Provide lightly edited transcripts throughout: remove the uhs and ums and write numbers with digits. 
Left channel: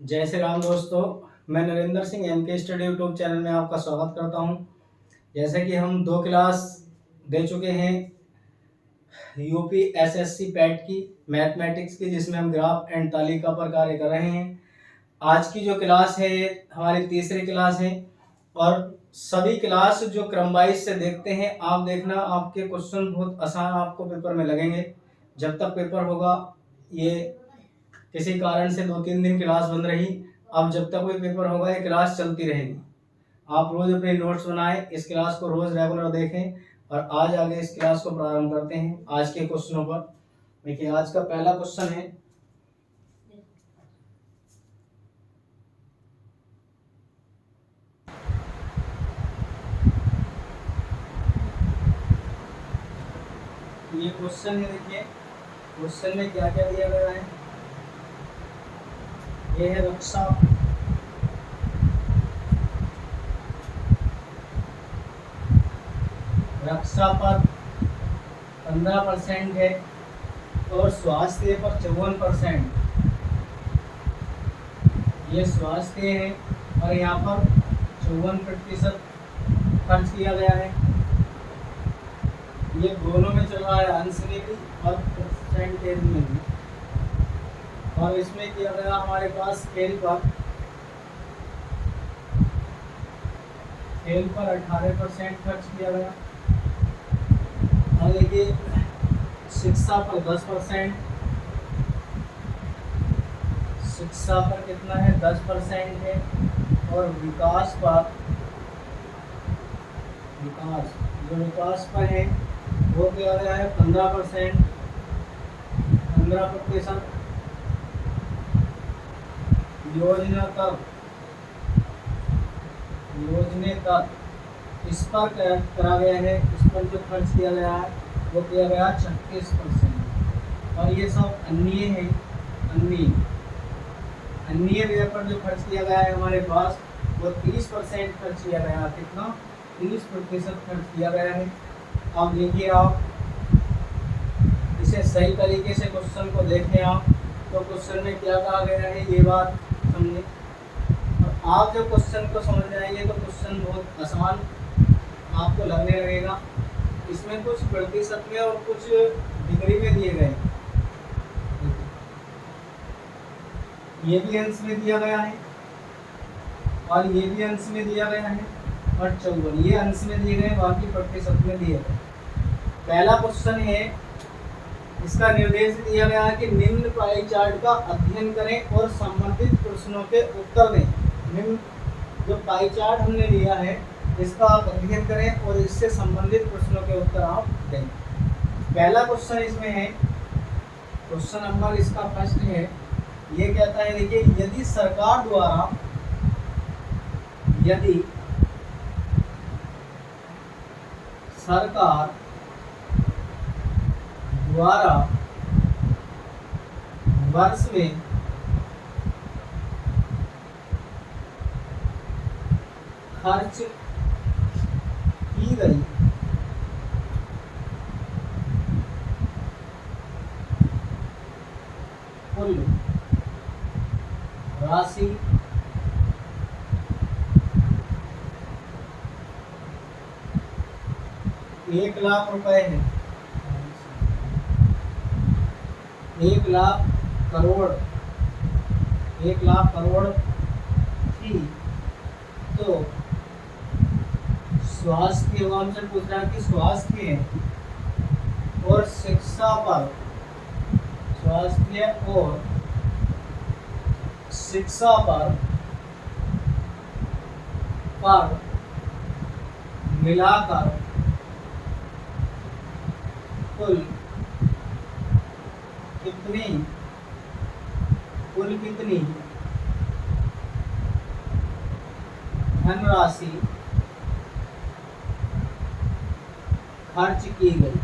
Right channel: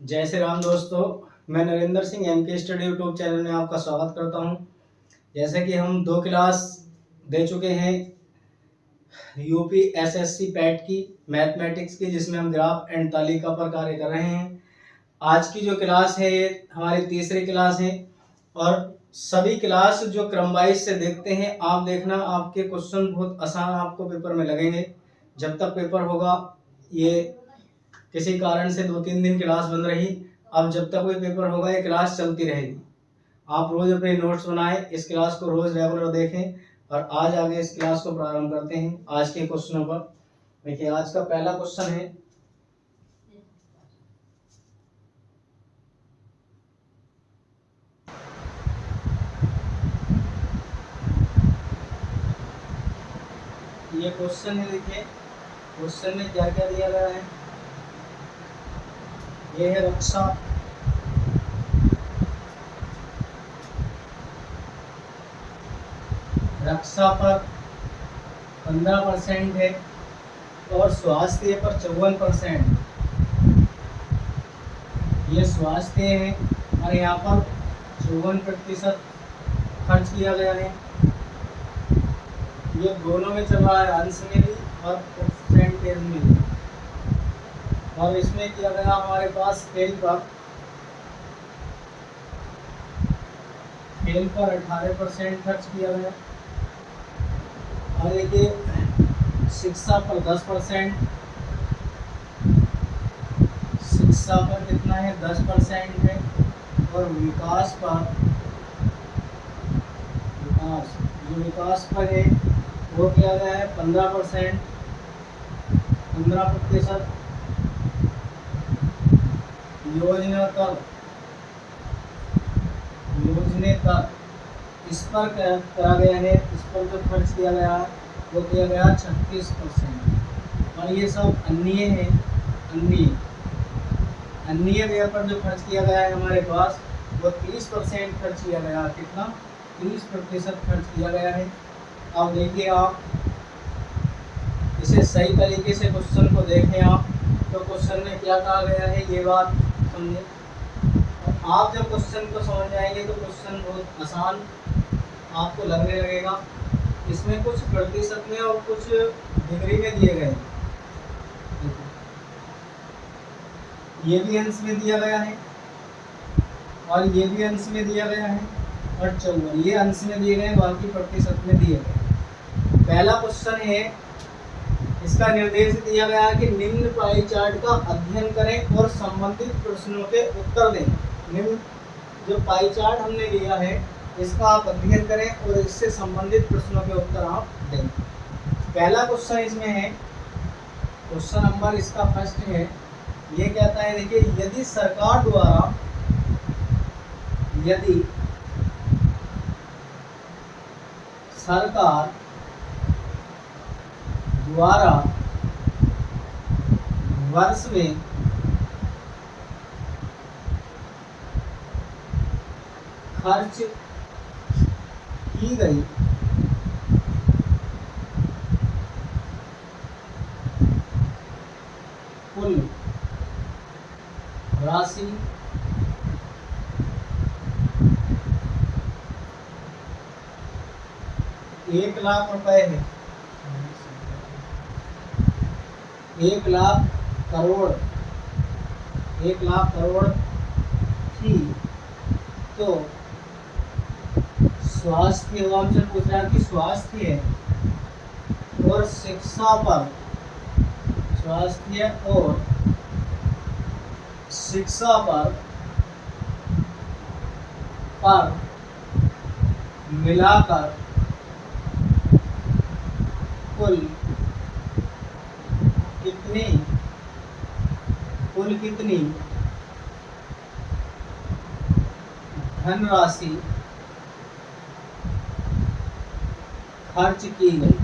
जय श्री राम दोस्तों। मैं Narendra Singh MK study YouTube channel में आपका स्वागत करता हूं। जैसे कि हम 2 क्लास दे चुके हैं यूपी SSC पैट की मैथमेटिक्स की, जिसमें हम ग्राफ एंड तालिका पर कार्य कर रहे हैं। आज की जो क्लास है ये हमारी तीसरी क्लास है और सभी क्लास जो क्रम वाइज से देखते हैं आप देखना, आपके क्वेश्चन बहुत आसान आपको पेपर में लगेंगे। जब तक पेपर होगा, ये किसी कारण से 2-3 दिन क्लास बंद रही, अब जब तक कोई पेपर होगा ये क्लास चलती रहेगी। आप रोज अपने नोट्स बनाएं, इस क्लास को रोज रेगुलर देखें और आज आगे इस क्लास को प्रारंभ करते हैं आज के क्वेश्चनों पर। देखिए आज का पहला क्वेश्चन है, ये क्वेश्चन है। देखिए क्वेश्चन में क्या क्या दिया गया है। ये है रक्षा पर 15% है और स्वास्थ्य पर 54%। ये स्वास्थ्य है और यहाँ पर 54% खर्च किया गया है। ये दोनों में चल रहा है, अंश में भी और परसेंटेज में भी। और इसमें किया गया हमारे पास खेल पर 18% खर्च किया गया। और देखिए शिक्षा पर 10%, शिक्षा पर कितना है 10% है। और विकास पर है वो किया गया है 15%। योजनेतर इस पर करा गया है। इस पर जो खर्च किया गया है वो किया गया 36%। और ये सब अन्य है। अन्य व्यय पर जो खर्च किया गया है हमारे पास वो 30% खर्च किया गया है। कितना? 30% खर्च किया गया है। अब देखिए आप इसे सही तरीके से क्वेश्चन को देखें आप, तो क्वेश्चन में क्या कहा गया है ये बात समझे। और आप जब क्वेश्चन को समझ जाएंगे तो क्वेश्चन बहुत आसान आपको लगने लगेगा। इसमें कुछ प्रतिशत में और कुछ डिग्री में दिए गए, ये भी अंश में दिया गया है और ये भी अंश में दिया गया है और 54 ये अंश में दिए गए, बाकी प्रतिशत में दिए गए। पहला क्वेश्चन है, इसका निर्देश दिया गया है कि निम्न पाई चार्ट का अध्ययन करें और संबंधित प्रश्नों के उत्तर दें। निम्न जो पाई चार्ट हमने लिया है इसका आप अध्ययन करें और इससे संबंधित प्रश्नों के उत्तर आप दें। पहला क्वेश्चन इसमें है, क्वेश्चन नंबर इसका फर्स्ट है। ये कहता है, देखिए यदि सरकार द्वारा वर्ष में खर्च की गई कुल राशि 1 लाख रुपए है। 1 लाख करोड़ थी, तो स्वास्थ्य हमसे पूछ रहा कि स्वास्थ्य और शिक्षा पर मिलाकर कुल कितनी धनराशि खर्च की गई।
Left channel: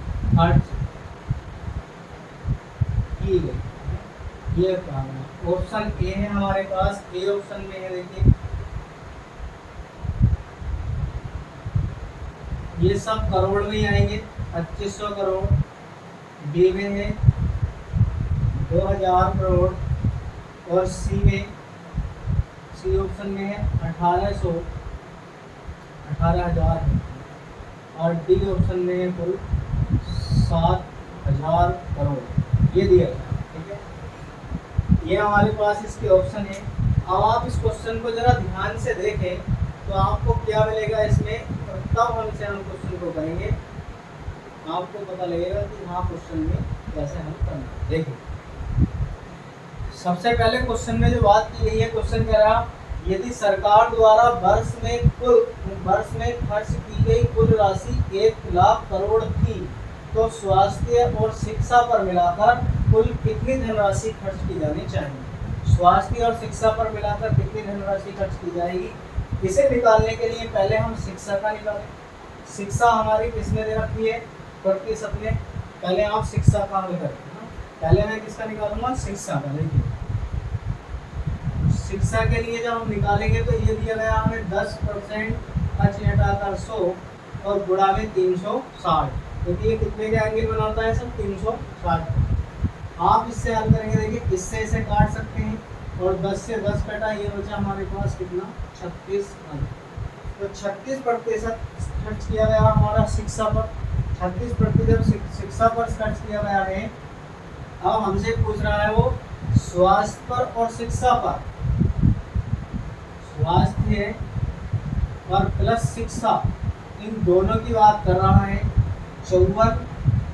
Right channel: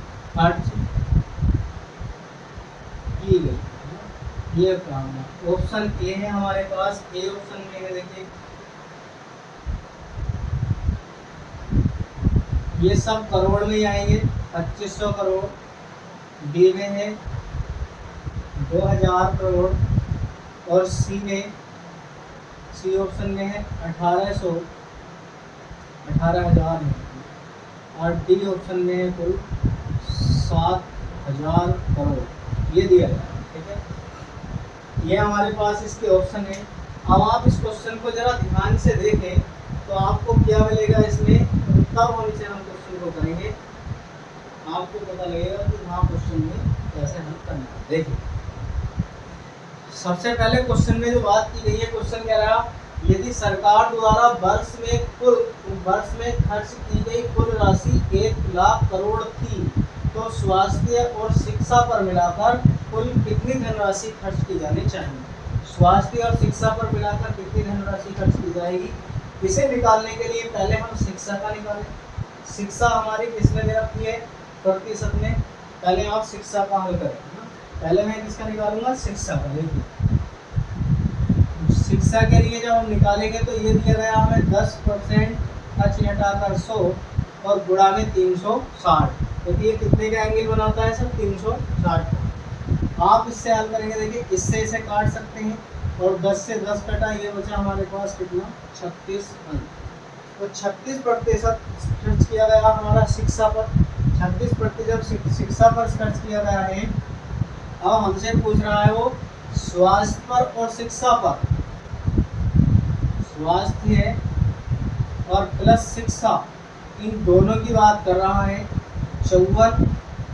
ये काम है। ऑप्शन ए है हमारे पास। ए ऑप्शन में है, देखिए ये सब करोड़ में ही आएंगे। 2500 करोड़। बी में है 2000 करोड़ और सी में सी ऑप्शन में है 18,000 है, और डी ऑप्शन में है कुल 7,000 करोड़, ये दिया गया। ठीक है, ये हमारे पास इसके ऑप्शन है। अब आप इस क्वेश्चन को जरा ध्यान से देखें तो आपको क्या मिलेगा इसमें, तब हम इसे हम क्वेश्चन को करेंगे, आपको पता लगेगा कि हाँ क्वेश्चन में कैसे हल करना है। देखिए, सबसे पहले क्वेश्चन में जो बात की गई है, क्वेश्चन कह रहा यदि सरकार द्वारा वर्ष में खर्च की गई कुल राशि 1,00,000 करोड़ थी तो स्वास्थ्य और शिक्षा पर मिलाकर कुल कितनी धनराशि खर्च की जानी चाहिए। स्वास्थ्य और शिक्षा पर मिलाकर कितनी धनराशि खर्च की जाएगी, इसे निकालने के लिए पहले हम शिक्षा का निकालें। शिक्षा हमारी किसमें दे रखी है, प्रतिशत में। पहले आप शिक्षा का हल करें। पहले मैं किसका निकालूंगा, शिक्षा का। देखिए, शिक्षा के लिए जब हम निकालेंगे तो ये दिया गया हमें 10% खर्च घटाकर 100 और गुणा में 360, क्योंकि ये कितने का एंगल बनाता है सर, 360। आप इससे हल करेंगे, देखिए इससे इसे काट सकते हैं, और 10 से 10 कटा, ये बचा हमारे पास कितना, 36। तो 36% खर्च किया गया हमारा शिक्षा पर। 36% शिक्षा पर खर्च किया गया है। अब हमसे पूछ रहा है वो स्वास्थ्य पर और शिक्षा पर, स्वास्थ्य और प्लस शिक्षा, इन दोनों की बात कर रहा है। 54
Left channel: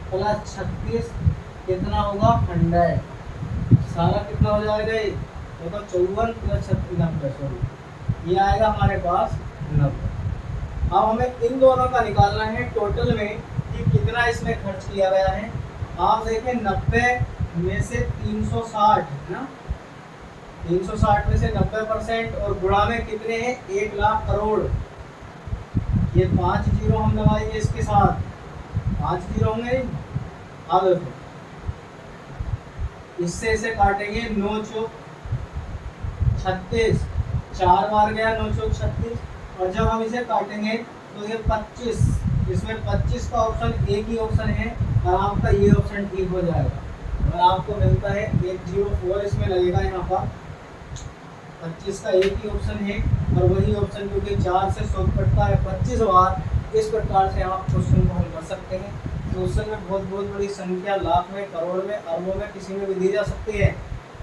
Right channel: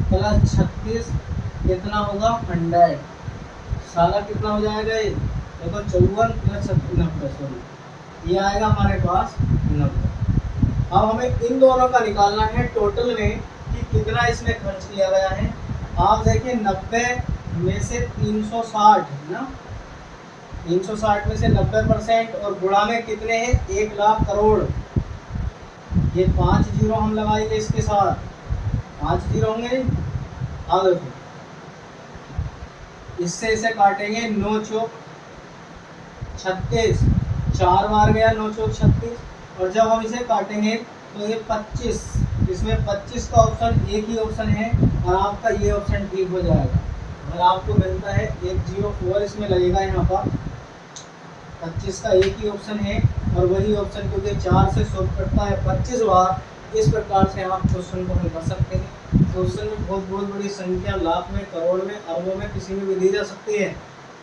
प्लस 36 कितना होगा, 100। सारा कितना हो जाएगा ये, देखो 54 प्लस 90, सॉरी ये आएगा हमारे पास 90। अब हमें इन दोनों का निकालना है टोटल में कि कितना इसमें खर्च किया गया है। आप देखें 90 में से 360 है ना, 360 में से 90% और गुणा में कितने हैं, 1,00,000 करोड़। ये 5 जीरो हम लगाएंगे इसके साथ, 5 जीरो होंगे। अब देखो इससे इसे काटेंगे, 9 चौक 36, 4 बार गया 9 चौक 36, और जब हम इसे काटेंगे तो ये 25, इसमें 25 का ऑप्शन एक ही ऑप्शन है, और आपका ये ऑप्शन ठीक हो जाएगा। अगर आपको मिलता है 104 इसमें लगेगा, यहाँ पर 25 का एक ही ऑप्शन है, और वही ऑप्शन क्योंकि 4 से 100 कटता है 25 बार। इस प्रकार से आप क्वेश्चन को हल कर सकते हैं। क्वेश्चन में बहुत बड़ी संख्या, लाख में, करोड़ में, अरबों में, किसी में भी दी जा सकती है,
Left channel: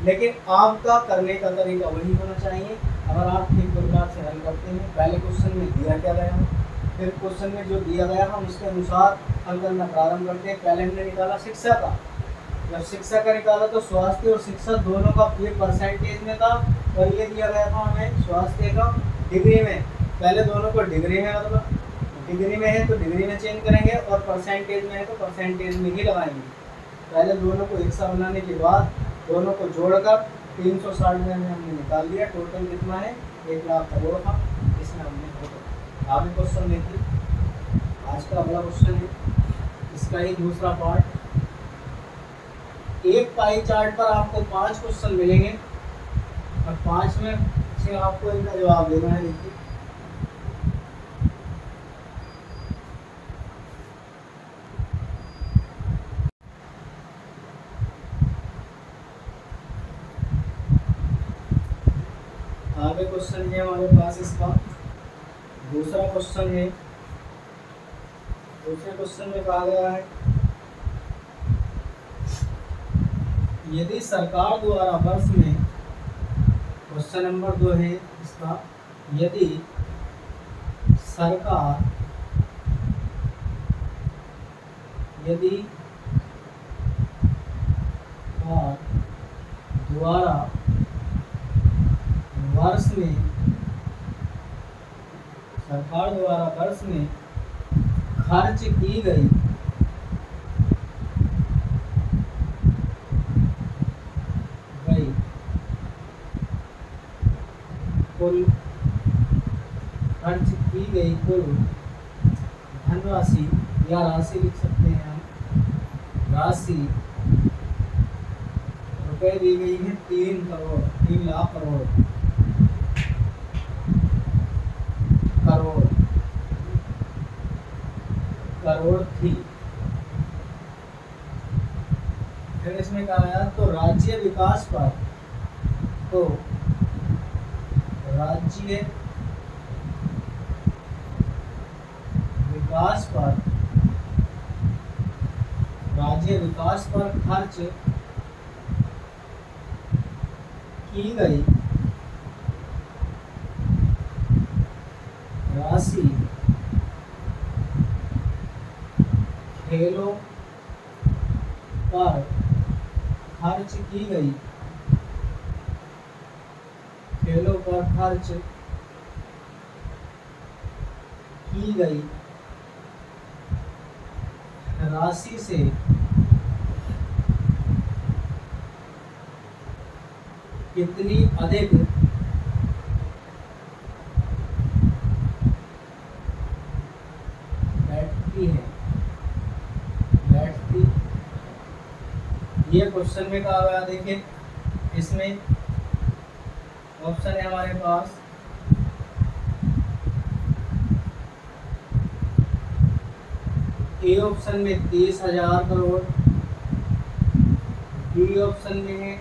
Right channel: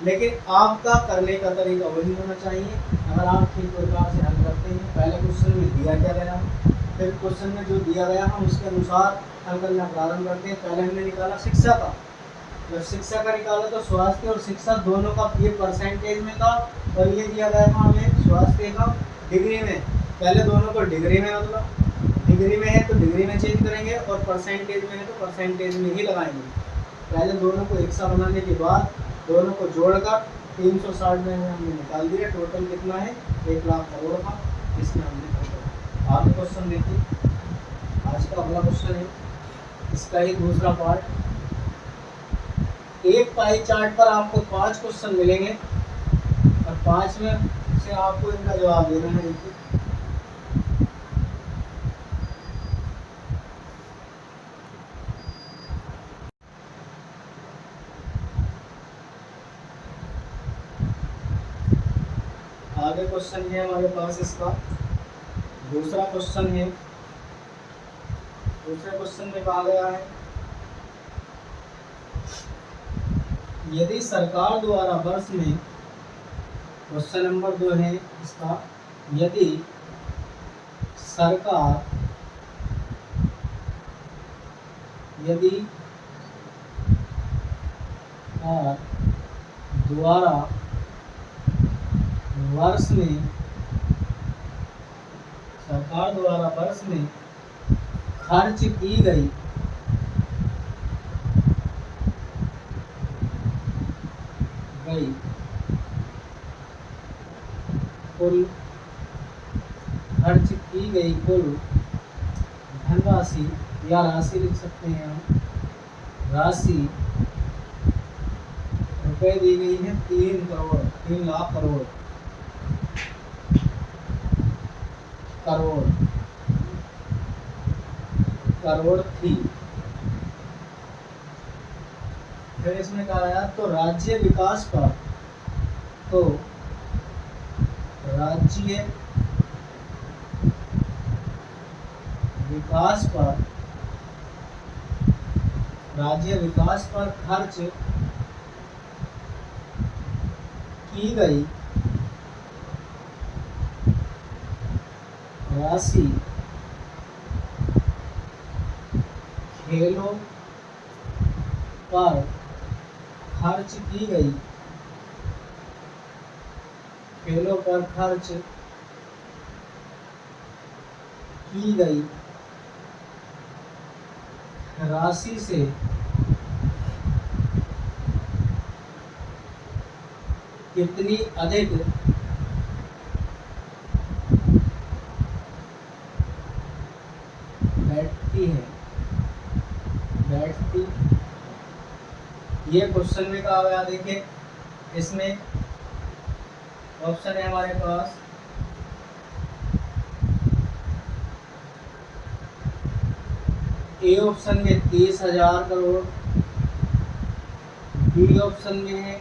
लेकिन आपका करने का तरीका वही होना चाहिए। अगर आप ठीक प्रकार से हल करते हैं, पहले क्वेश्चन में दिया क्या गया, फिर क्वेश्चन में जो दिया गया हम उसके अनुसार हल करना प्रारंभ करते हैं। पहले हमने निकाला शिक्षा का, जब शिक्षा का निकाला तो स्वास्थ्य और शिक्षा दोनों का ये परसेंटेज में था, और ये दिया गया था हमें स्वास्थ्य का डिग्री में। पहले दोनों को डिग्री में, मतलब डिग्री में है तो डिग्री में चेंज करेंगे, और परसेंटेज में है तो परसेंटेज में ही लगाएंगे। पहले दोनों को एक सा बनाने के बाद दोनों को जोड़कर 360 में हमने निकाल दिया। टोटल कितना है, 1,00,000 करोड़ का। इसमें हमने आगे क्वेश्चन देखिए, आज का अगला क्वेश्चन है, इसका ही दूसरा पार्ट। एक पाई चार्ट पर आपको 5 क्वेश्चन मिलेंगे, और 5 में से आपको इनका जवाब देना है। देखिए आगे क्वेश्चन है हमारे पास, इसका दूसरा क्वेश्चन है। दूसरे क्वेश्चन में कहा गया है यदि सरकार द्वारा वर्ष में, क्वेश्चन नंबर 2 है इसका, यदि सरकार द्वारा वर्ष में खर्च की गई कुल धनराशि, या राशि लिख सकते हैं हम, राशि रुपए दी गई है 3,00,000 करोड़ थी। फिर इसमें कहा गया तो राज्य विकास पर राज्य विकास पर खर्च की गई राशि खेलों पर खर्च की गई राशि से कितनी अधिक बैठती ये क्वेश्चन में कहा गया। देखिए इसमें ऑप्शन है हमारे पास ए ऑप्शन में 30,000 करोड़, बी ऑप्शन में है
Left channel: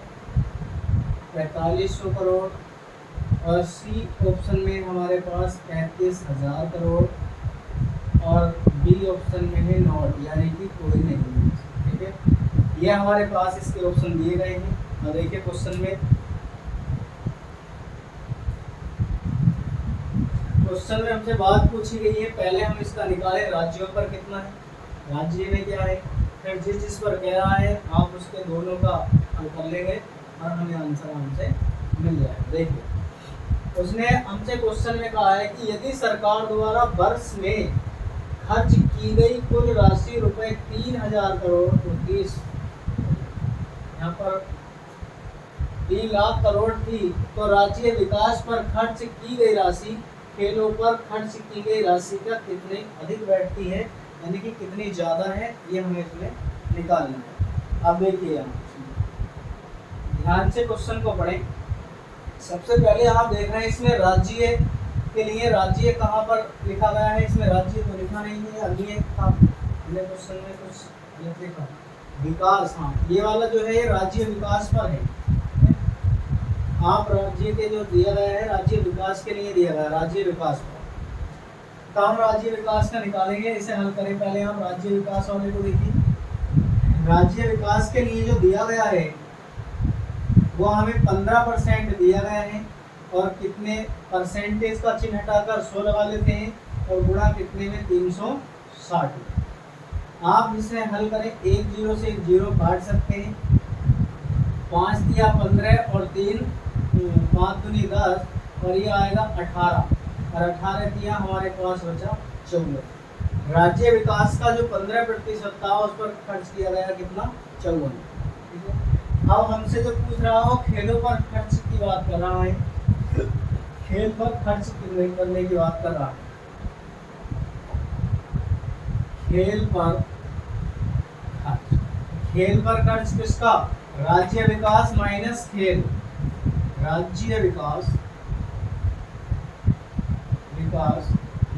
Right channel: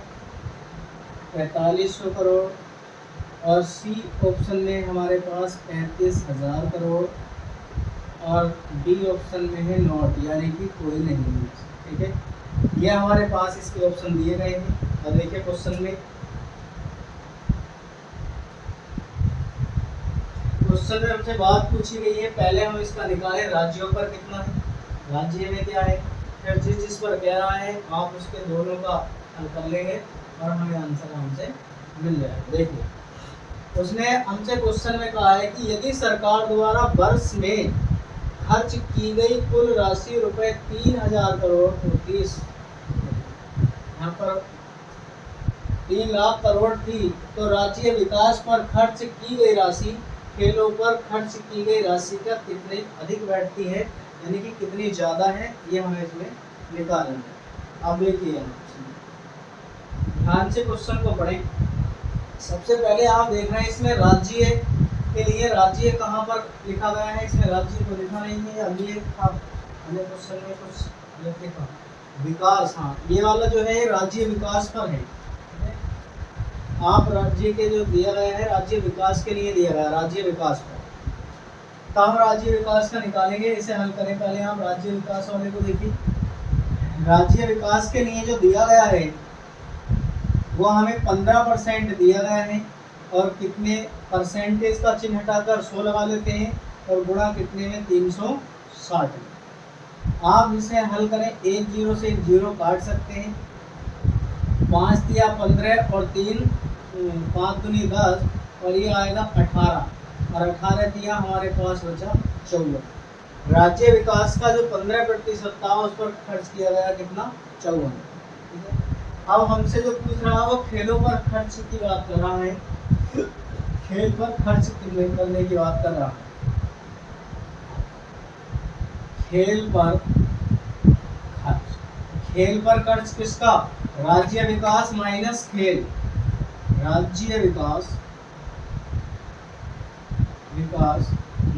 4500 करोड़ और सी ऑप्शन में हमारे पास 35,000 करोड़ और डी ऑप्शन में है नॉट, यानी कि कोई नहीं है। ठीक है, ये हमारे पास इसके ऑप्शन दिए गए हैं। और देखिए क्वेश्चन में हमसे बात पूछी गई है, पहले हम इसका निकालें राज्यों पर कितना है, राज्य में क्या है, फिर जिस पर कह रहा है आप उसके दोनों का हल कर लेंगे और हमें आंसर हमसे मिल जाएगा। देखिए उसने हमसे क्वेश्चन में कहा है कि यदि सरकार द्वारा वर्ष में खर्च की गई कुल राशि रुपए 3,000 करोड़ होती, यहाँ पर 3 लाख करोड़ थी, तो राज्य विकास पर खर्च की गई राशि खेलों पर खर्च की गई राशि का कितने अधिक बैठती है, यानी कि कितनी ज़्यादा है, ये हमें इसमें निकालना है। अब देखिए ध्यान से क्वेश्चन को पढ़ें। सबसे पहले आप देख रहे हैं इसमें राज्य के लिए राज्य कहाँ पर लिखा गया है, इसमें राज्य तो लिखा नहीं है। अभी हमने क्वेश्चन में कुछ लिखा विकास, हाँ ये वाला जो है ये राज्य विकास पर है। आप राज्य के जो दिया गया है राज्य विकास के लिए दिया गया है, राज्य विकास पर, तो हम राज्य विकास का निकालेंगे। इसे हल करें पहले हम राज्य विकास वाले को देखिए। राज्य विकास के लिए जो दिया गया है वो हमें 15% दिया गया है और कितने परसेंटेज का चिन्ह हटाकर 100 लगा लेते हैं और गुणा कितने में 360। आप इसे हल करें, 1 0 से 1 0 काट सकते हैं, 5 दिया 15 और 3 5 दूनी 10 और ये आएगा 18 और 18 दिया हमारे पास बचा 54। राज्य विकास का जो 15% था उस पर खर्च किया गया कितना, 54। ठीक है, अब हमसे जो पूछ रहा है वो खेलों पर खर्च की बात कर रहा है, खेल पर खर्च करने की बात कर रहा है। खेल पर खर्च किसका, राज्य विकास माइनस खेल, राज्य विकास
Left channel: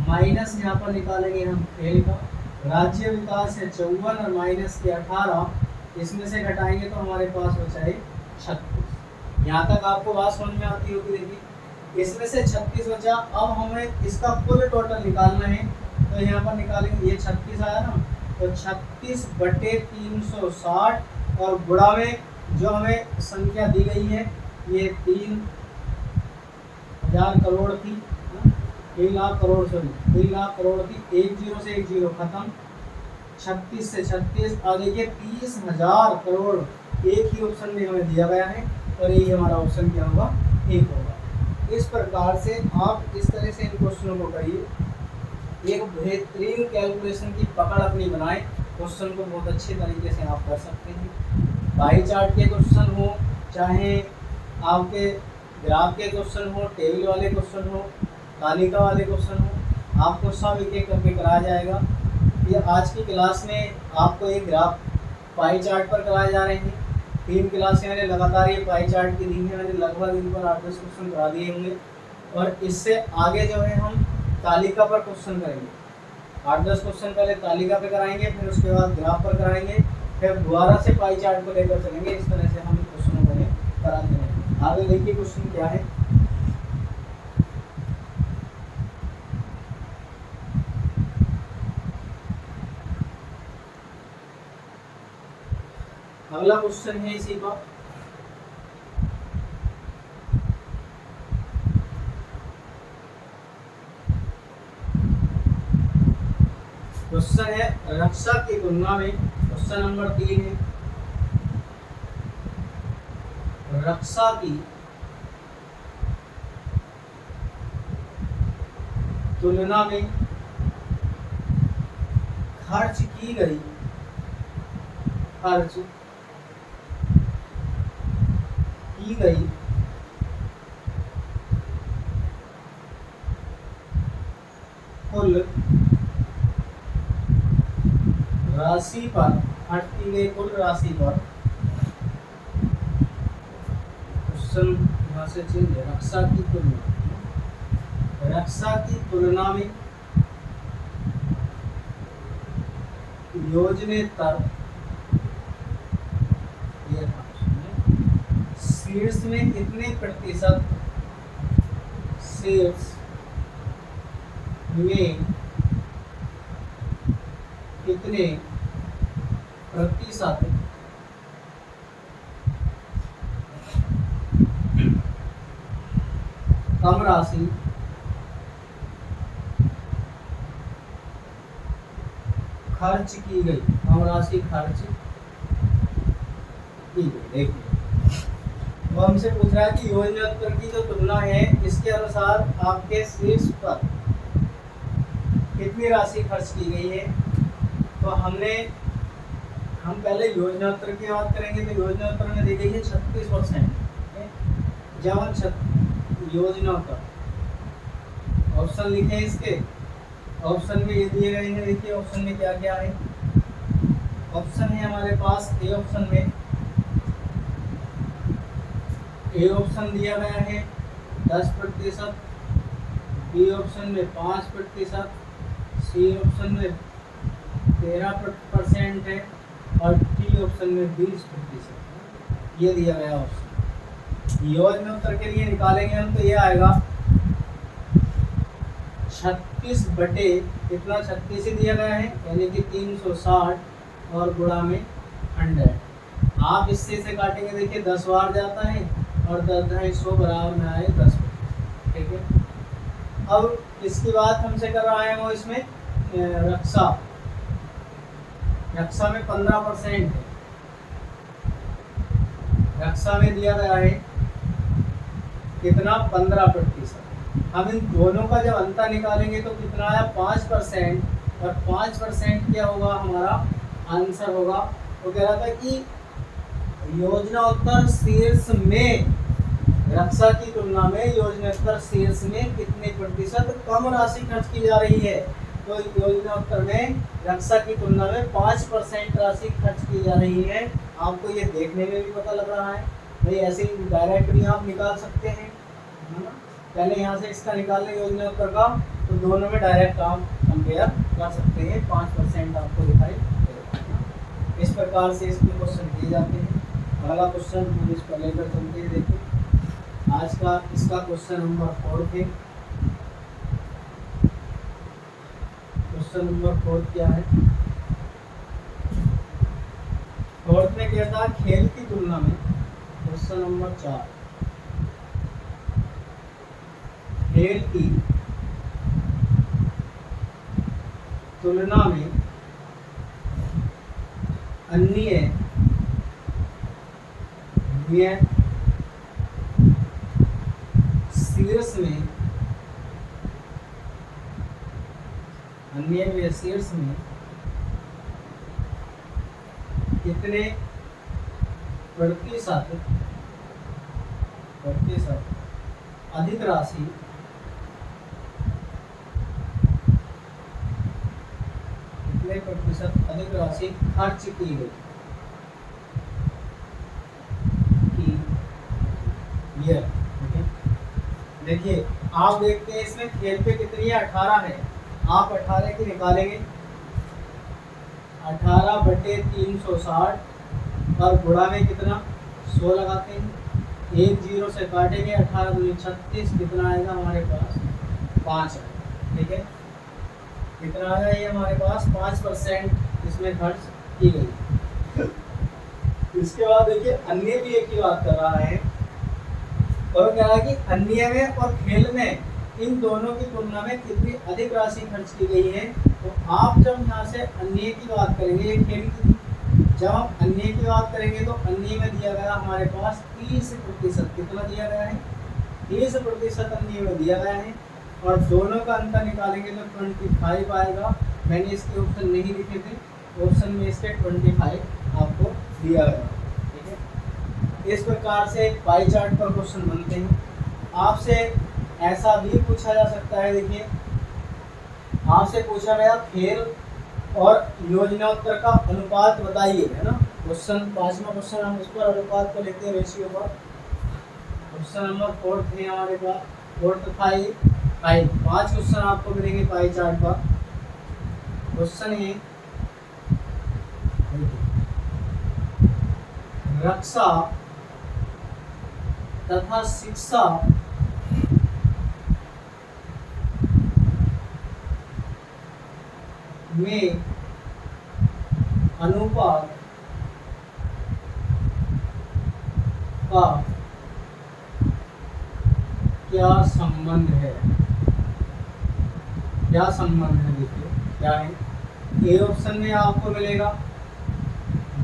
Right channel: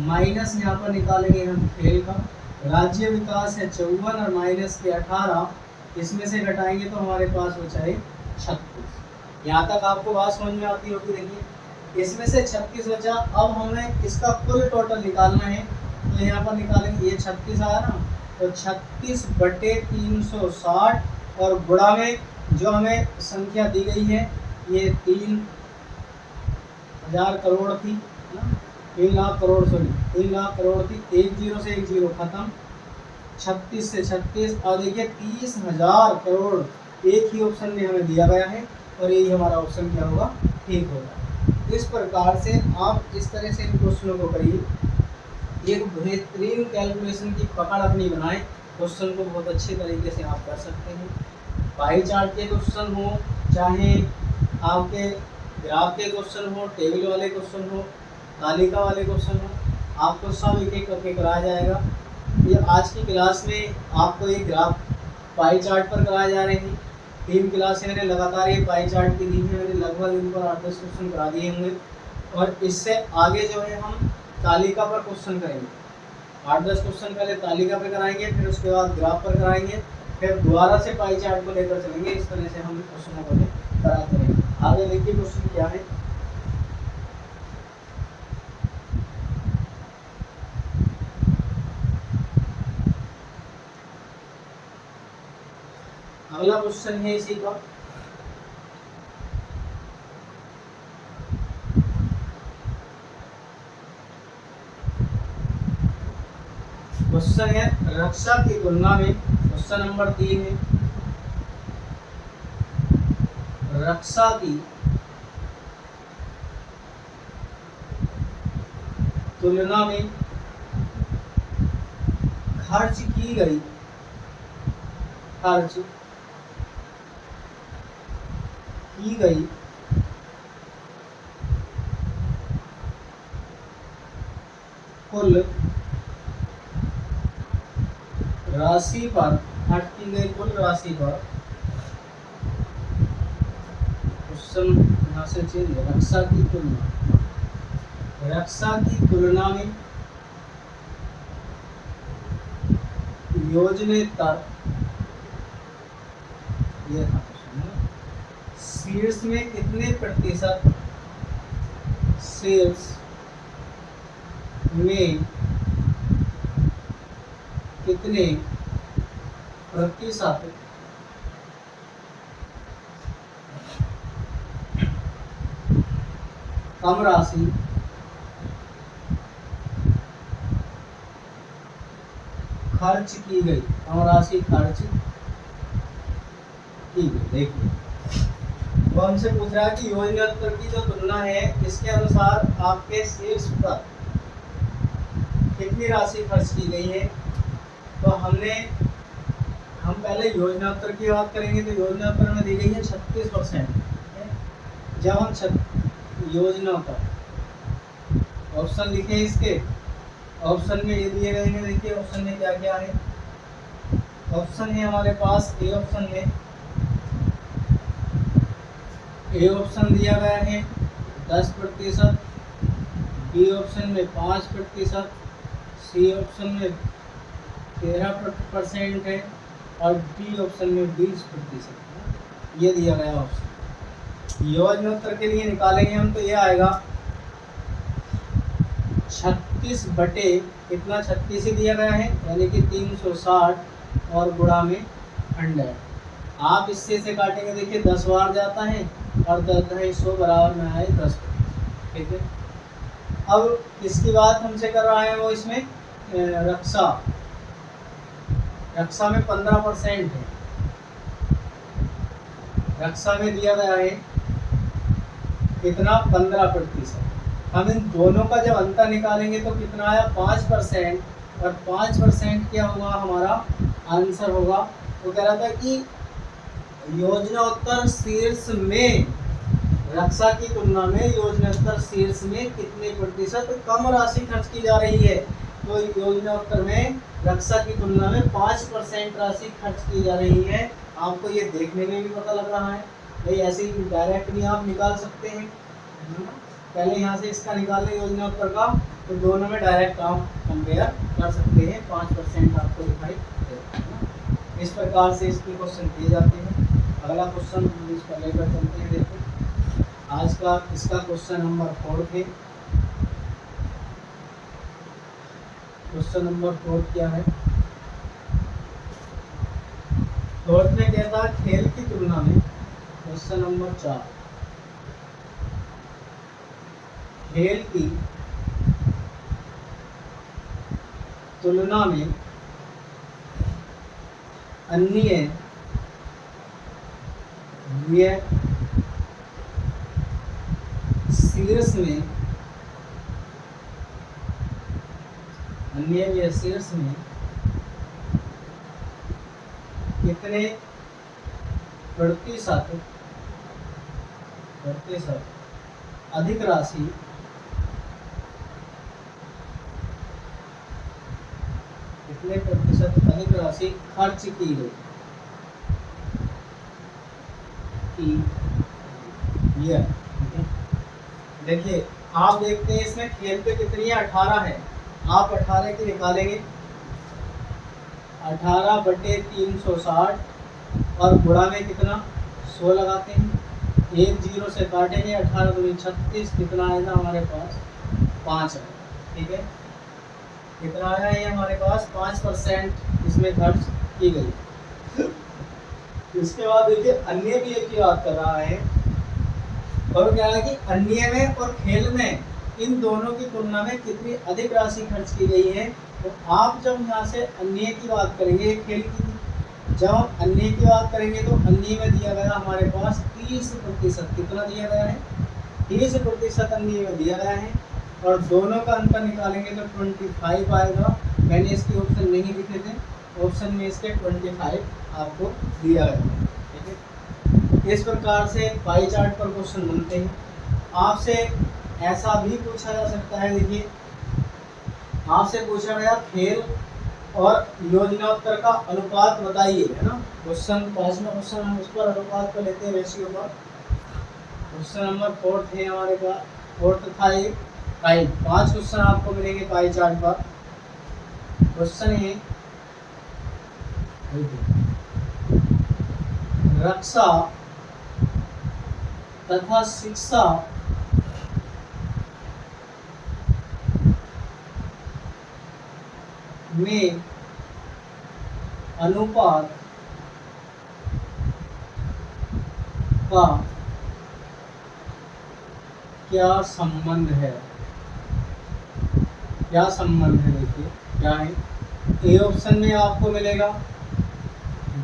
माइनस यहाँ पर निकालेंगे हम खेल का। राज्य विकास है 54 और माइनस के 18, इसमें से घटाएंगे तो हमारे पास बचा है 36। यहाँ तक आपको बात समझ में आती होगी। देखिए इसमें से 36 बचा, अब हमें इसका कुल टोटल निकालना है, तो यहाँ पर निकालेंगे, ये 36 आया ना, तो 36/360 और गुणा में जो हमें संख्या दी गई है ये 3,000 करोड़ थी, 3 लाख करोड़ थी, 1 0 से 1 0 खत्म, 36 से 36। और देखिए 30,000 करोड़ एक ही ऑप्शन में हमें दिया गया है और यही हमारा ऑप्शन क्या होगा, ठीक होगा। इस प्रकार से आप इस तरह से इन क्वेश्चनों को करिए, एक बेहतरीन कैलकुलेशन की पकड़ अपनी बनाएं, क्वेश्चन को बहुत अच्छे तरीके से आप कर सकते हैं। पाई चार्ट के क्वेश्चन हो, चाहे आपके ग्राफ के क्वेश्चन हो, टेबल वाले क्वेश्चन हो, तालिका वाले क्वेश्चन हो, आपको सब एक एक करके कराया जाएगा। ये आज की क्लास में आपको एक ग्राफ पाई चार्ट पर कराए जा रहे हैं। 3 क्लासें मैंने लगातार ये पाई चार्ट की दी है, मैंने लगभग इन पर 8-10 क्वेश्चन करा दिए होंगे और इससे आगे जो है हम तालिका पर क्वेश्चन करेंगे। 8-10 क्वेश्चन पहले तालिका पे कराएंगे, फिर उसके बाद ग्राफ पर कराएंगे, फिर दोबारा से पाई चार्ट को लेकर चलेंगे। इस तरह से हम क्वेश्चनों को कराते हैं। आगे देखिए क्वेश्चन क्या है। क्वेश्चन है इसी का। क्वेश्चन है रक्षा की तुलना में, क्वेश्चन नंबर 3 है, रक्षा की तुलना में खर्च की गई कुल राशि पर, खर्च की गई कुल राशि पर, क्वेश्चन यहाँ से चेंज है, रक्षा की तुलना में योजनेतर, यह था शीर्ष में कितने प्रतिशत, शीर्ष में कितने प्रतिशत कम राशि खर्च की गई, कम राशि खर्च की गई। देखिए वो हमसे पूछ रहा है कि योजनात्मक की जो तुलना है इसके अनुसार आपके शीर्ष पर कितनी राशि खर्च की गई है। तो हम पहले योजनात्मक की बात करेंगे तो योजनात्मक में दी गई है 36%। जब हम योजना का ऑप्शन लिखे इसके, ऑप्शन में ये दिए गए हैं, देखिए ऑप्शन में क्या क्या है। ऑप्शन है हमारे पास ए ऑप्शन में, ए ऑप्शन दिया गया है 10%, बी ऑप्शन में 5%, सी ऑप्शन में 13% है और डी ऑप्शन में 20%। ये दिया गया ऑप्शन। योजनोत्तर के लिए निकालेंगे हम तो ये आएगा 36 बटे कितना, 36 ही दिया गया है यानी कि 360 और गुणा में 100। आप इससे से काटेंगे, देखिए 10 बार जाता है और 10 बराबर में आए 10। ठीक है, अब इसकी बात हमसे कर रहा है वो इसमें रक्षा में 15% है। रक्षा में दिया गया है कितना, 15%। हम इन दोनों का जब अंतर निकालेंगे तो कितना आया, 5%। और 5% क्या होगा, हमारा आंसर होगा। वो कह रहा था कि योजनोत्तर शीर्ष में, रक्षा की तुलना में योजनोत्तर शीर्ष में कितने प्रतिशत कम राशि खर्च की जा रही है। तो योजनोत्तर में रक्षा की तुलना में 5% राशि खर्च की जा रही है। आपको ये देखने में भी पता लग रहा है भाई, ऐसे ही डायरेक्ट भी आप निकाल सकते हैं। पहले यहाँ से इसका निकाल लें योजनोत्तर का, तो दोनों में डायरेक्ट काम कंपेयर कर सकते हैं। 5% आपको दिखाई देगा। इस प्रकार से इसके क्वेश्चन किए जाते हैं। अगला क्वेश्चन इसको लेकर चलते हैं। देखो आज का इसका क्वेश्चन नंबर 4 थे। क्वेश्चन नंबर 4 क्या है, 4 में कहता है खेल की तुलना में, क्वेश्चन नंबर 4, खेल की तुलना में अन्य शीर्ष में, अन्य शीर्ष में कितने प्रतिशत अधिक राशि खर्च की गई। देखिए आप देखते हैं इसमें खेल पे कितनी है, 18 है। आप 18 की निकालेंगे, 18 बटे 360 और गुणा में कितना 100 लगाते हैं। 1 0 से काटेंगे, 18 दूनी 36, कितना आएगा हमारे पास 5 है। ठीक है, कितना आया ये हमारे पास 5% इसमें खर्च की गई। इसके बाद देखिए अन्य भी एक ही बात कर रहा है और कह रहा है कि अन्य में और खेल में इन दोनों की तुलना में कितनी अधिक राशि खर्च की गई है। तो आप जब यहाँ से अन्य की बात करेंगे, ये खेल की थी, जब हम अन्य की बात करेंगे तो अन्य में दिया गया हमारे पास 30%। कितना दिया गया है? 30% अन्य में दिया गया है और दोनों का अंतर निकालेंगे तो 25 आएगा। मैंने इसके ऑप्शन नहीं लिखे थे, ऑप्शन में इसके 25 आपको दिया गया। ठीक है, इस प्रकार से पाई चार्ट पर क्वेश्चन बनते हैं। आपसे ऐसा भी पूछा जा सकता है, देखिए आपसे पूछा गया खेल और योजनाओत्तर का अनुपात बताइए, है ना। क्वेश्चन 5वां क्वेश्चन हम इस पर अनुपात को लेते हैं, रेशियो पर। क्वेश्चन नंबर 4 थे हमारे पास, 4 था ये 5। 5 क्वेश्चन आपको मिलेंगे पाई चार्ट पर। क्वेश्चन है रक्षा तथा शिक्षा में अनुपात का क्या संबंध है? क्या संबंध है? देखिए क्या है। ए ऑप्शन में आपको मिलेगा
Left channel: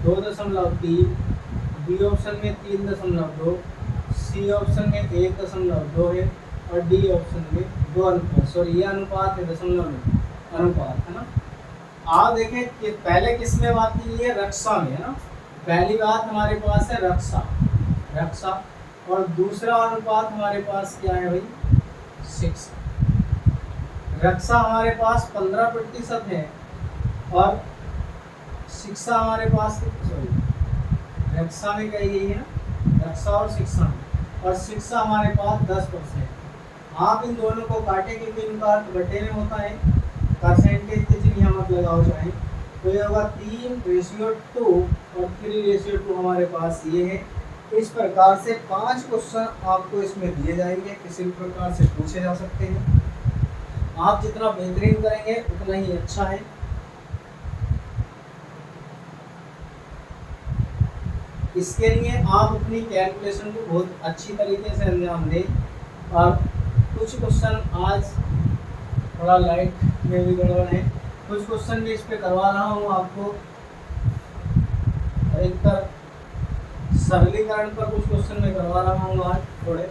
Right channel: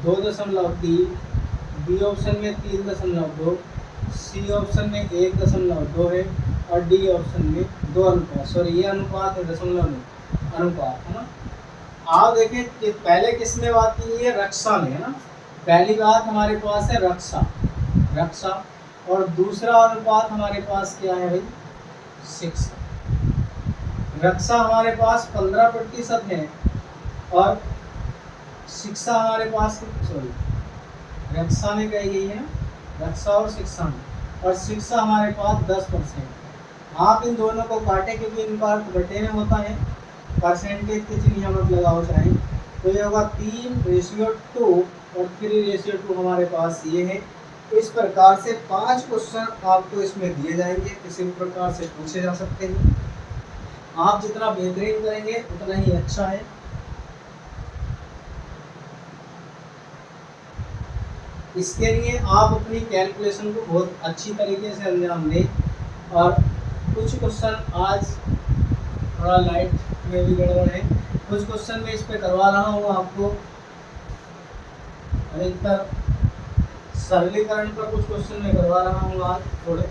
2.3, बी ऑप्शन में 3.2, सी ऑप्शन में 1.2 है और डी ऑप्शन में 2 अनुपात, सॉरी ये अनुपात है, दशमलव नहीं, अनुपात है ना। आप देखें कि पहले किसने बात की है? रक्षा में, है ना। पहली बात हमारे पास है रक्षा, रक्षा, और दूसरा अनुपात हमारे पास क्या है भाई? शिक्षा। रक्षा हमारे पास 15% है और शिक्षा हमारे पास, सॉरी रक्षा में कही गई है, रक्षा और शिक्षा में, और शिक्षा हमारे पास 10%। आप इन दोनों को काटे क्योंकि इनका अर्थ घटे में होता है, परसेंटेज के चिन्ह यहाँ मत लगाओ चाहे, तो ये होगा 3:2 और 3:2 हमारे पास ये है। इस प्रकार से 5 क्वेश्चन आपको इसमें दिए जाएंगे, किसी भी प्रकार से पूछे जा सकते हैं। आप जितना बेहतरीन करेंगे उतना ही अच्छा है। इसके लिए आप अपनी कैलकुलेशन को बहुत अच्छी तरीके से अंजाम दें। और कुछ क्वेश्चन आज थोड़ा लाइट में भी गड़बड़ है, कुछ क्वेश्चन में इस पे करवा रहा हूँ आपको। अधिकतर सरलीकरण पर कुछ क्वेश्चन में करवा रहा हूँ आज, थोड़े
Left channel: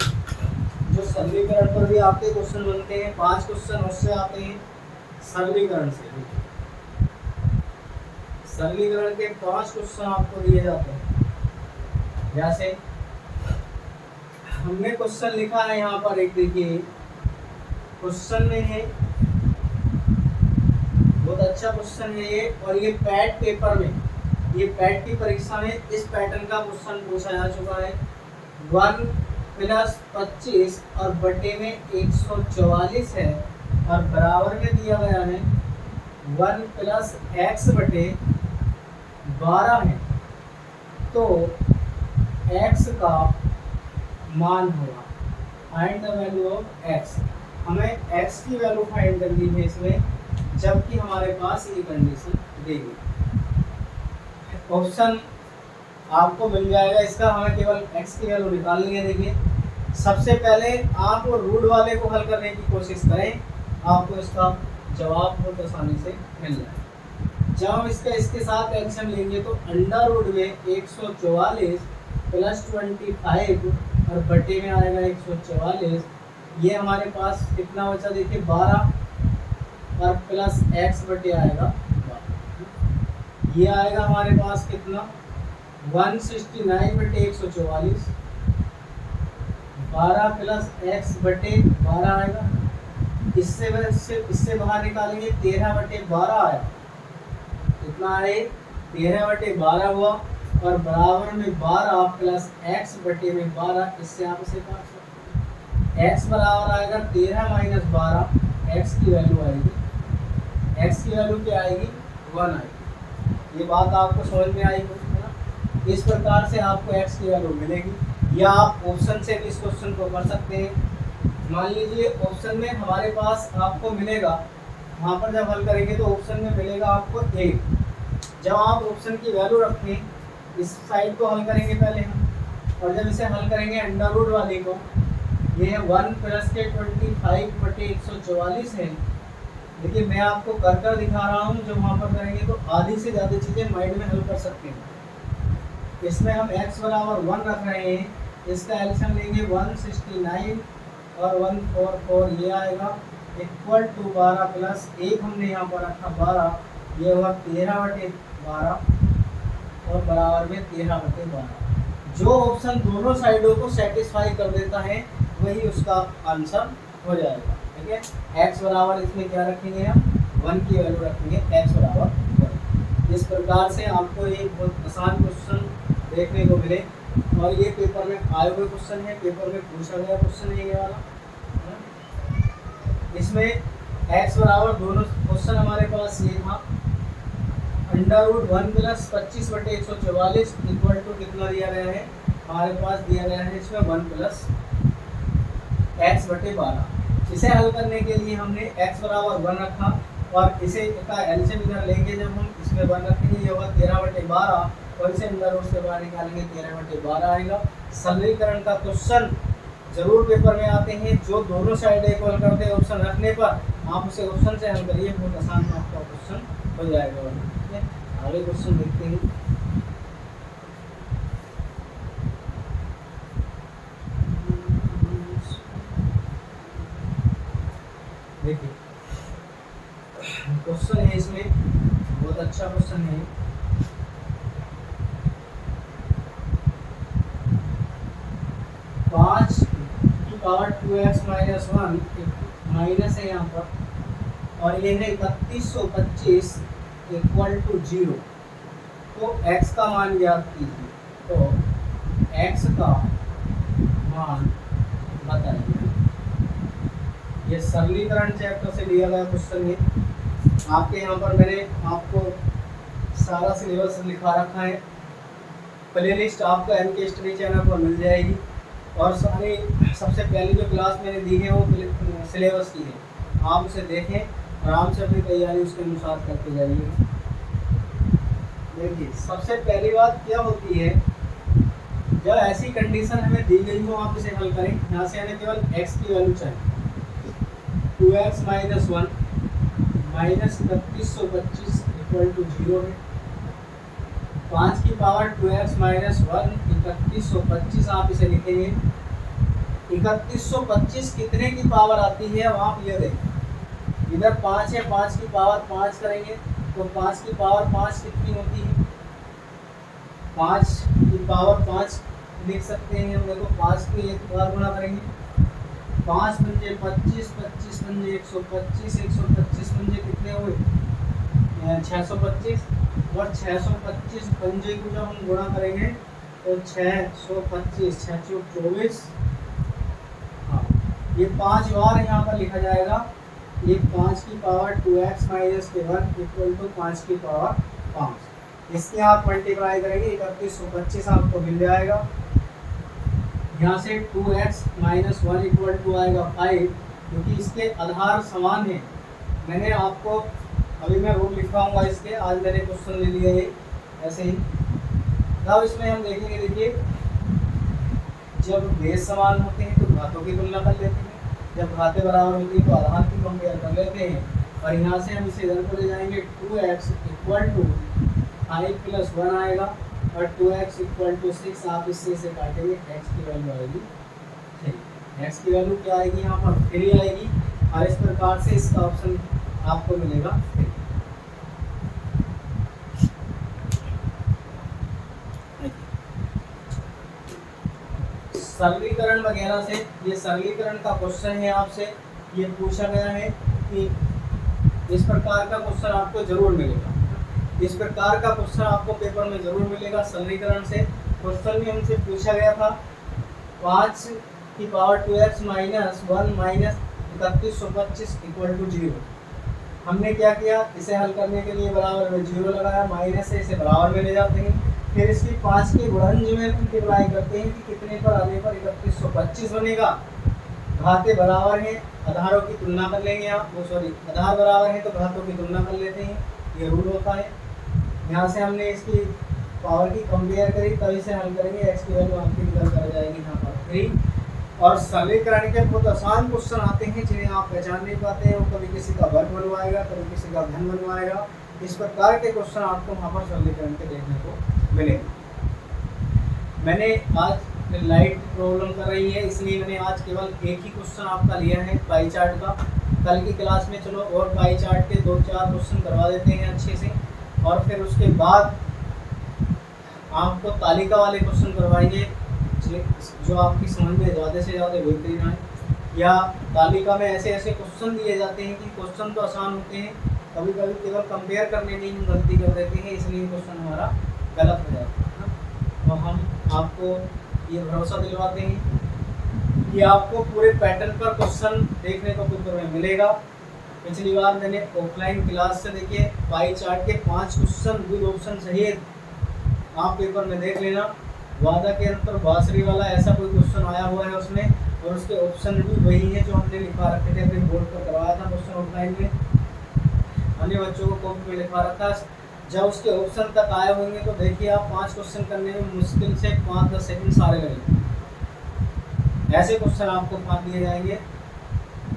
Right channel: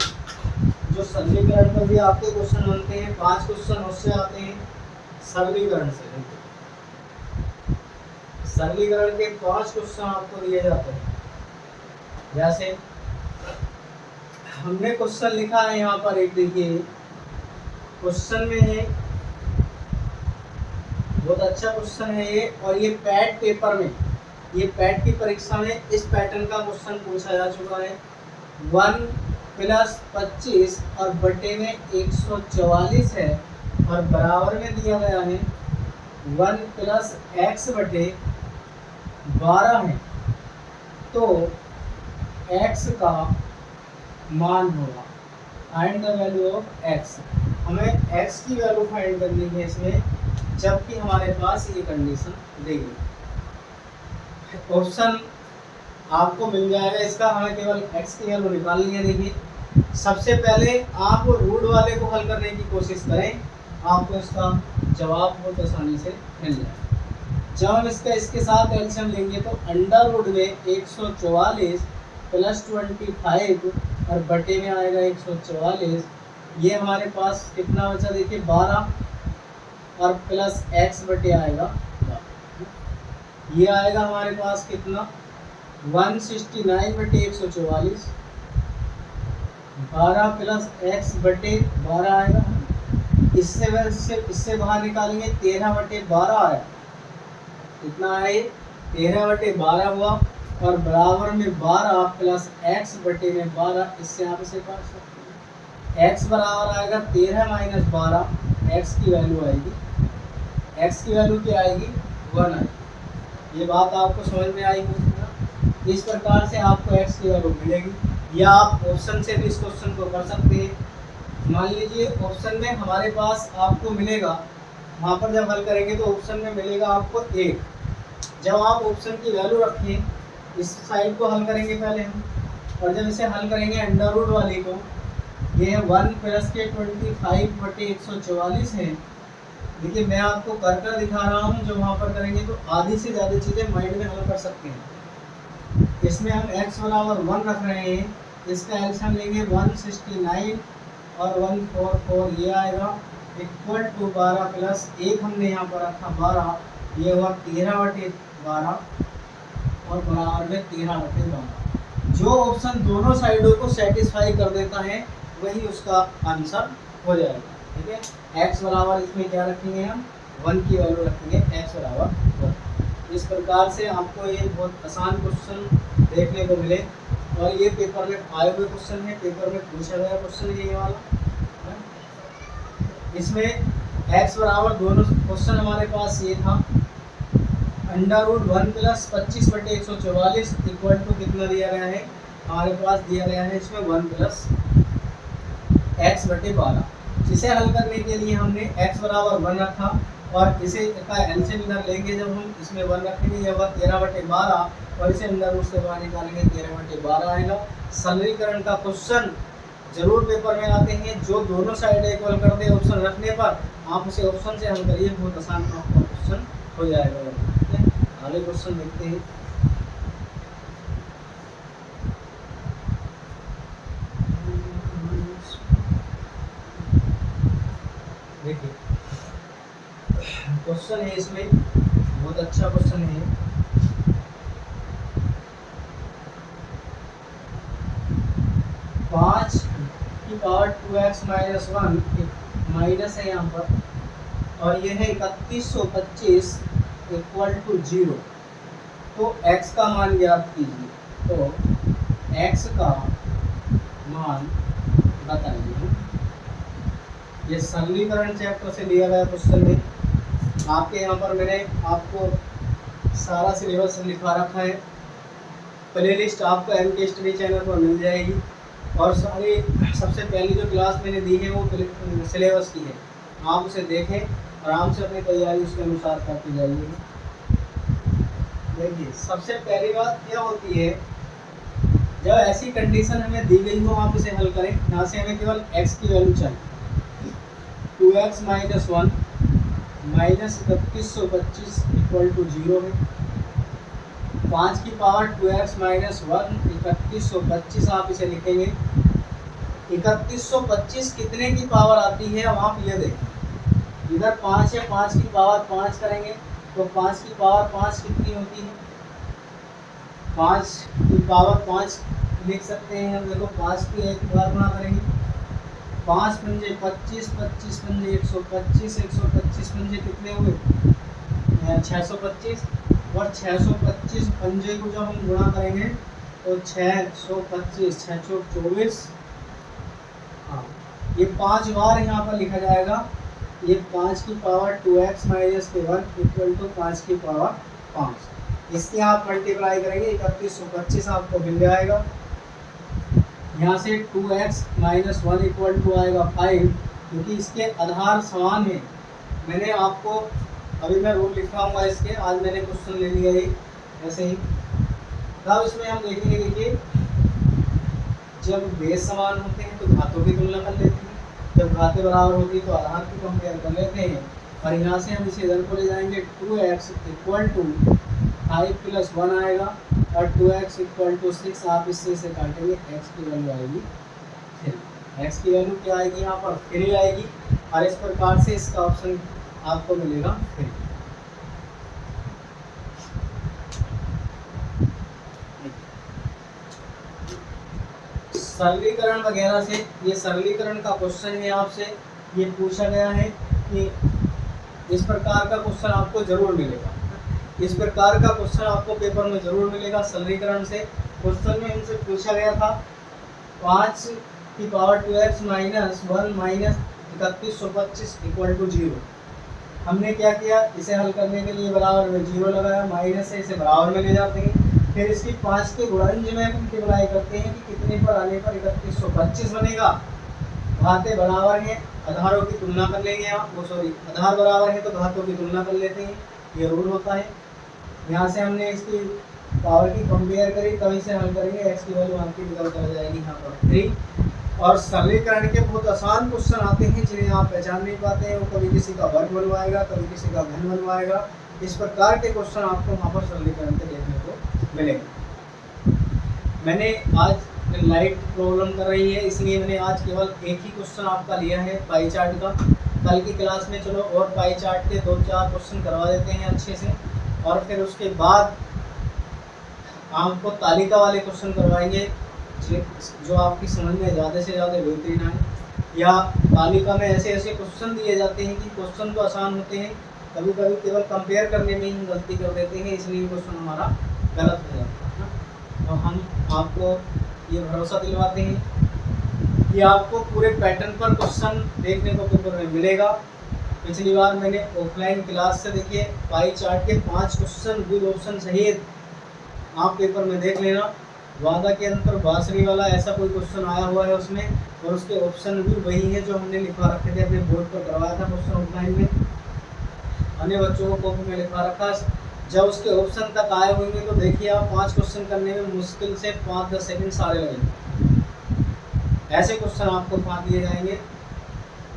जो सरलीकरण पर भी आपके क्वेश्चन बनते हैं। 5 क्वेश्चन उससे आते हैं सरलीकरण से, सरलीकरण के 5 क्वेश्चन आपको दिए जाते हैं। जैसे हमने क्वेश्चन लिखा है यहाँ पर, एक देखिए क्वेश्चन में है, बहुत अच्छा क्वेश्चन है ये, और ये पैट पेपर में, ये पैट की परीक्षा में इस पैटर्न का क्वेश्चन पूछा जा चुका है। 1 + 25 और बटे में 144 है और बराबर में दिया गया है 1 + x बटे 12 है। तो x का मान होगा, find the value of x। हमें x की वैल्यू फाइंड करनी है इसमें, जबकि हमारे पास ये कंडीशन देगी। ऑप्शन आपको मिल जाएगा इसका, हमें केवल x की वैल्यू निकालनी है। देखिए सबसे पहले आप रूट वाले को हल करने की कोशिश करें, आपको इसका जवाब बहुत आसानी से मिल जाएगा। जब हम इसके साथ एलसीएम लेंगे तो अंडर रूट में 144 + 25 और बटे में आएगा 144। ये हमारे पास कितना बचा? देखिए 12 और प्लस x बटे आएगा 12। ये आएगा हमारे पास कितना? 169 बटे 144, 12 + x बटे 12 आएगा। इससे बाहर निकालेंगे 13 बटे 12 आया, कितना आए? 13 बटे 12 हुआ और बराबर में 12 + x बटे में 12, इससे आप इसे काट सकते हैं। x बराबर आएगा 13 - 12, x की वैल्यू आएगी, x की वैल्यू क्या आएगी? 1 आएगी। ये बात आपको समझ में आई होगी ना। इस प्रकार से आपको x की वैल्यू मिलेगी, या आप ऑप्शन से भी इस क्वेश्चन को कर सकते हैं। मान लीजिए ऑप्शन में हमारे पास आपको मिलेगा, वहाँ पर जब हल करेंगे तो ऑप्शन में मिलेगा आपको 1। जब आप ऑप्शन की वैल्यू रखें इस साइड को हल करेंगे पहले हम, और जब इसे हल करेंगे अंडर रूट वाले को, ये 1 प्लस के 25/144 है। देखिए मैं आपको कर कर दिखा रहा हूँ, जो वहाँ पर करेंगे तो आधी से ज़्यादा चीज़ें माइंड में हल कर सकते हैं। इसमें हम x बराबर 1 रख रहे हैं, इसका एलसीएम लेंगे 169 और 144 ये आएगा, इक्वल टू 12 प्लस 1 हमने यहाँ पर रखा 12, ये हुआ 13/12 और बराबर में 13/12। जो ऑप्शन दोनों साइडों को सेटिस्फाई कर देता है वही उसका आंसर हो जाएगा। ठीक है, x बराबर इसमें क्या रखेंगे हम, 1 की वैल्यू रखेंगे, x बराबर 1। इस प्रकार से आपको ये बहुत आसान क्वेश्चन देखने को मिले, और ये पेपर में आए हुए क्वेश्चन है, पेपर में पूछा गया क्वेश्चन है ये वाला। इसमें x बराबर दोनों क्वेश्चन हमारे पास ये था, under root 1 plus 25/144 equal to कितना दिया गया है, हमारे पास दिया गया है इसमें 1 प्लस x/12। इसे हल करने के लिए हमने x बराबर 1 रखा, और इसे का एलसीएम इधर लेंगे, जब हम इसमें 1 रखेंगे ये होगा 13/12, और इसे अंडर रूट से बाहर निकालेंगे 13/12 आएगा। सरलीकरण का क्वेश्चन जरूर पेपर में आते हैं, जो दोनों साइड इक्वल करते हैं ऑप्शन रखने पर, आप उसे ऑप्शन से हल करिए, बहुत आसान आपका क्वेश्चन हो जाएगा। ठीक है, अगले क्वेश्चन देखते हैं। देखिए क्वेश्चन है, इसमें बहुत अच्छा क्वेश्चन है। पाँच की पावर 2x माइनस 1 माइनस है यहाँ पर, और ये है 3125 इक्वल टू 0। तो x का मान ज्ञात कीजिए, तो x का मान बताइए। ये सरलीकरण चैप्टर से लिया गया क्वेश्चन है। आपके यहाँ पर मैंने आपको सारा सिलेबस लिखा रखा है, प्लेलिस्ट आपको MK स्टडी चैनल पर मिल जाएगी, और सारी सबसे पहली जो क्लास मैंने दी है वो सिलेबस की है, आप उसे देखें, आराम से अपनी तैयारी उसके अनुसार करते जाइए। देखिए सबसे पहली बात क्या होती है, जब ऐसी कंडीशन हमें दी गई हो आप इसे हल करें। यहाँ से हमें केवल x की वैल्यू चाहिए, 2x minus 1 minus 3125 equal to 0 है। 5 की पावर 2x माइनस 1 3125 आप इसे लिखेंगे। 3125 कितने की पावर आती है, अब आप ये देखें, इधर 5 है, 5 की पावर 5 करेंगे तो 5 की पावर 5 कितनी होती है, 5 की पावर 5 लिख सकते हैं हम। देखो 5 की एक बार गुणा करेंगे, 5 पंजे 25, 25 पंजे 125, 125 पंजे कितने हुए 625, और 625 पंजे को जब हम गुणा करेंगे तो 625, 6 चौक 24। हाँ, ये 5 बार यहाँ पर लिखा जाएगा। ये 5 की power 2x minus 1 equal to 5 की पावर 5। इसके आप मल्टीप्लाई करेंगे 3125 आपको मिल जाएगा। यहाँ से 2x माइनस 1 इक्वल टू आएगा 5, क्योंकि इसके आधार समान है। मैंने आपको अभी मैं रूल लिखवाऊंगा इसके, आज मैंने क्वेश्चन ले लिया है ऐसे ही। तब इसमें हम देखेंगे, देखिए जब बेस समान होते हैं तो घातों की तुलना कर लेते हैं, जब घातें बराबर होती है तो आधार की कंपेयर कर लेते हैं, और यहाँ से हम इसे इधर को ले जाएंगे। 2x इक्वल टू 5 प्लस 1 आएगा, और 2x इक्वल टू 6 आप इससे इसे काटेंगे, x की वैल्यू आएगी 3। x की वैल्यू क्या आएगी यहाँ पर 3 आएगी, और इस प्रकार से इसका ऑप्शन आपको मिलेगा 3। सरलीकरण वगैरह से, ये सरलीकरण का क्वेश्चन है, आपसे ये पूछा गया है कि इस प्रकार का क्वेश्चन आपको जरूर मिलेगा। इस प्रकार का क्वेश्चन आपको पेपर में जरूर मिलेगा सरलीकरण से। क्वेश्चन में हमसे पूछा गया था 5 की power 2x minus 1 minus 3125 equal to 0। हमने क्या किया, इसे हल करने के लिए बराबर में 0 लगाया, माइनस से इसे बराबर में ले जाते हैं, फिर इसकी 5 के गुणज में मल्टीप्लाई करते हैं कि कितने पर आने पर 3125 बनेगा। घातें बराबर हैं, आधारों की तुलना कर लेंगे आप, वो सॉरी आधार बराबर है तो घातों की तुलना कर लेते हैं, ये रूल होता है। यहाँ से हमने इसकी पावर की कंपेयर करी तभी से हल करेंगे। एक्स की वैल्यू आपकी निकल कर जाएगी यहाँ पर 3। और सरलीकरण के बहुत आसान क्वेश्चन आते हैं जिन्हें आप पहचान नहीं पाते हैं, वो कभी किसी का वर्ग बनवाएगा, कभी किसी का घन बनवाएगा। इस प्रकार के क्वेश्चन आपको वहाँ पर सरलीकरण के देखने को मिलेंगे। मैंने आज लाइट प्रॉब्लम कर रही है, इसलिए मैंने आज केवल एक ही क्वेश्चन आपका लिया है पाई चार्ट का। कल की क्लास में चलो और पाई चार्ट के 2-4 क्वेश्चन करवा देते हैं अच्छे से, और फिर उसके बाद आपको तालिका वाले क्वेश्चन करवाएंगे जो आपकी समझ में ज़्यादा से ज़्यादा बेहतरीन आए। या तालिका में ऐसे ऐसे क्वेश्चन दिए जाते हैं कि क्वेश्चन तो आसान होते हैं, कभी कभी केवल कंपेयर करने में ही हम गलती कर देते हैं, इसलिए क्वेश्चन हमारा गलत हो जाता है। तो हम आपको ये भरोसा दिलवाते हैं कि आपको पूरे पैटर्न पर क्वेश्चन देखने को पेपर में मिलेगा। पिछली बार मैंने ऑफलाइन क्लास से देखिए पाई चार्ट के 5 क्वेश्चन विद ऑप्शन सहित आप पेपर में देख लेना। वादा के अंतर बासरी वाला ऐसा कोई क्वेश्चन आया हुआ है उसमें, और उसके ऑप्शन भी वही है जो हमने लिखा रखे थे, अपने बोर्ड पर करवाया था क्वेश्चन ऑफलाइन में, अन्य बच्चों को कॉपी में लिखा रखा। जब उसके ऑप्शन तक आए होंगे तो देखिए आप 5 क्वेश्चन करने में मुश्किल से 5-10 सेकंड सारे लगेंगे। ऐसे क्वेश्चन आपको 5 दिए जाएंगे।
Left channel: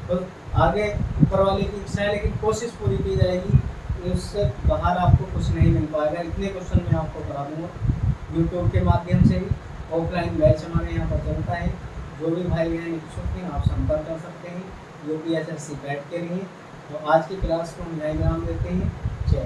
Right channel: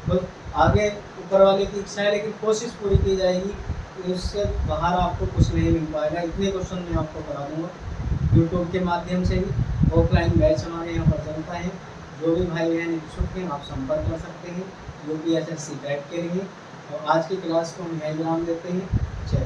तो आगे ऊपर वाले की इच्छा है, लेकिन कोशिश पूरी की जाएगी, उससे बाहर आपको कुछ नहीं मिल पाएगा। इतने क्वेश्चन मैं आपको करा दूंगा यूट्यूब के माध्यम से भी। ऑफलाइन बैच हमारे यहाँ पर चलता है। जो भी भाई बहन इच्छुक हैं आप संपर्क कर सकते हैं यूपीएसएससी पैट के लिए। और आज की क्लास को हम यहीं विराम देते हैं। जय